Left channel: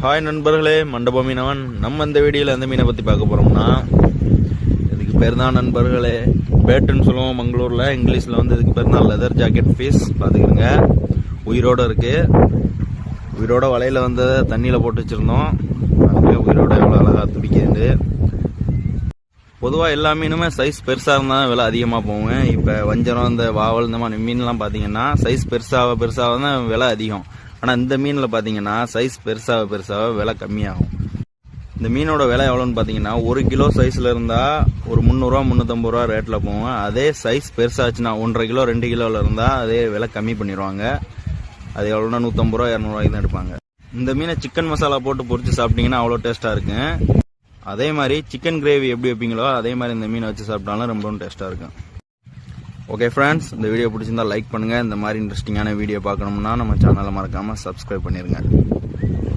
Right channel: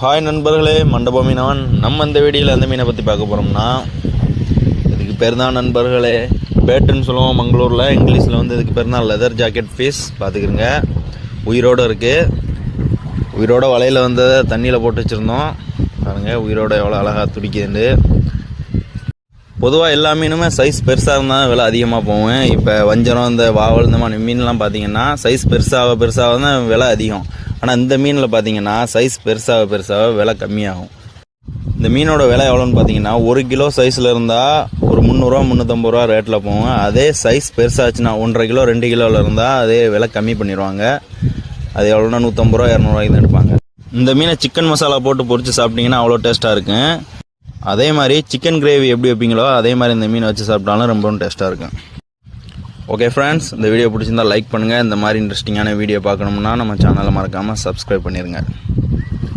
Hi நண்பர்களே, மண்டபம் மீனவன். நம்ம இந்த வீடியோவில் எந்த மீனை பற்றி பார்க்க போகிறோம்னா, இதுக்கு பேர் தான் நண்பர்களே பேட்டுன்னு சொல்லுவோம் மங்களூரில். இங்கிலீஷில் வந்து இதுக்கு பேர் தான் லெதர் ஜாக்கெட் ஃபிஷ். பார்த்துக்கிறங்க, உயிரோடு இருக்குது. உயிரோட வலையில் வந்ததை தண்ணியில் போட்டு வச்சுருந்தோம். பாருங்கள் உயிரோட எவ்வளோ அழகாக துடிக்குது. பொதுவாக எல்லா மீனுமே சைஸ் பெருசாக இருந்தால் விலை அதிகமாக போகும். இப்போ வஞ்சரம், இந்த வாவல், இந்த மாதிரி மீன்லாம் பார்த்தீங்கன்னா சைஸ் பெருசாக தான் விலை அதிகம். ஆனால் இந்த மீனில் பார்த்தீங்கன்னா சைஸ் பெருசாக விலை கம்மியாகும். இந்த மீனோட விலை எவ்வளோன்னு பார்த்தீங்கன்னா 1 கிலோ சைஸில் இருந்தால் ஒரு 300 350 ரூபா ரேட்டில் போகும். அதே சைஸ் பெருசாச்சுன்னா 1.5 கிலோ 2 கிலோவில் இருந்தால் அதே விலை கம்மி பண்ணிடுவாங்க. அது எவ்வளோனா 150 ரூபா 200 ரூபாய்க்கு தான் எடுப்பாங்க. இந்த மீனை சிக்கன் மசாலா போட்டு பொரித்து சாப்பிட்டிங்கன்னா அவ்வளோ டேஸ்ட்டாக இருக்கும். அதே மாதிரி சிக்கன் கிரேவி எப்படி வைப்பீங்களோ அதே மாதிரி இந்த மீனை வச்சு சாப்பிட்டாலும் ரொம்பவும் டேஸ்ட்டாக இருக்கும். ஓகே ஃப்ரெண்ட்ஸ், இந்த வீடியோ பிடிச்சிருந்தால் லைக் பண்ணுங்கள். இந்த மாதிரி இன்ட்ரெஸ்டிங்கான வீடியோ பார்க்கணும்னா நம்ம சேனலை மறக்காமல் சப்ஸ்கிரைப் பண்ணிடுங்க.